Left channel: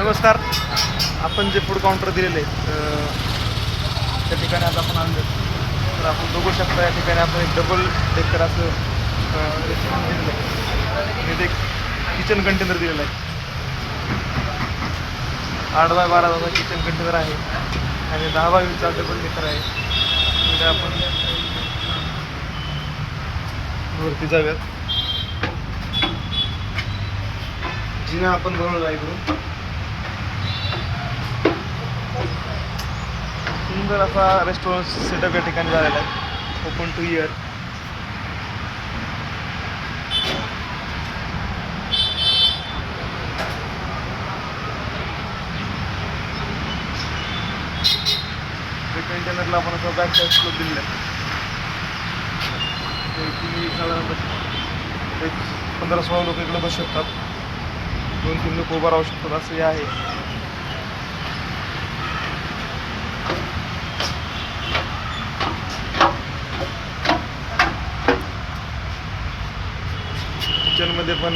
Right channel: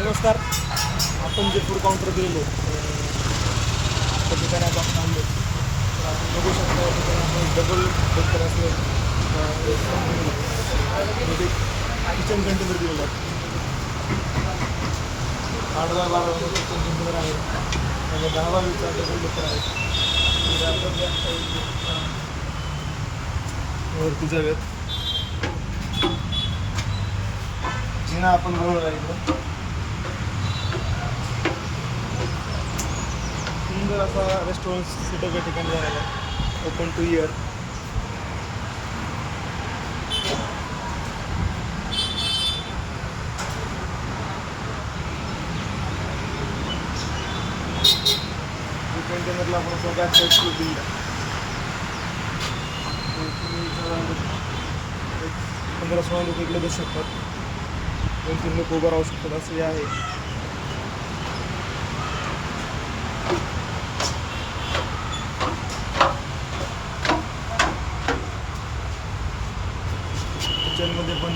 नमस्कार. आपण जे फूड काउंटर दिलेले त्या ठिकाणी आता आपण आलो. तर आपण बघू शकता या ठिकाणी आपण एक डबल डेकर असं रेस्टॉरंट दिलेलं आहे आणि ते किचन कंटेनर दिलेलं आहे. 8x12 किचन कंटेनर आहे आणि 10x20 डबल डेकर आहे. म्हणजे आपण वरती जाऊयात. जिना आपण बनवला आहे इकडून. सुंदर असा रेस्टॉरंट सेटअप या ठिकाणी झालेला आहे. Open two year. कंटेनरला आपण असं बॅक साईड स्लोप दिलेलं आहे. तुम्ही साधारणतः एक 15-16 लोक इकडे बसू शकतात. 2-3 लोक उभं राहू शकतात असं हे आहे. किचनमध्ये पण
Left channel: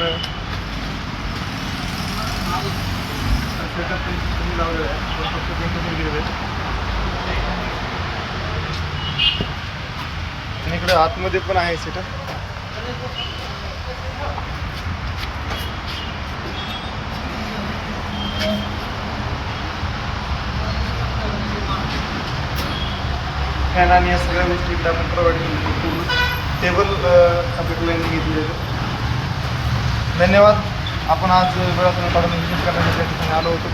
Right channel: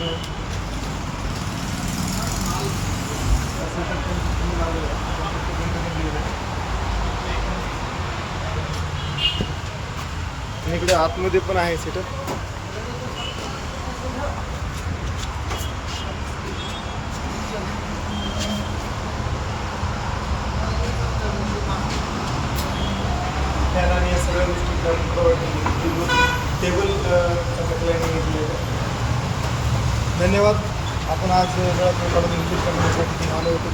सेटअप तुम्ही लावलेलं आहे. फक्त कंटेनर दिलेलं आहे. आणि इकडे आतमध्ये पण आहे सेटअप. फॅन आणि या सगळ्या गोष्टी इकडे आपण प्रोव्हाइड केलेल्या पूर्ण टेबल आपल्या क्लायंटने घेतलेलं आहे. धन्यवाद. आपण आज वेळातून काढून व्हिजिट करण्याच्या ठिकाणी आलो होतो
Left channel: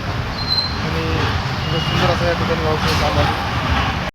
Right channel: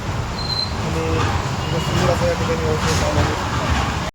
आणि सुंदर असं या ठिकाणी वावतो आलो.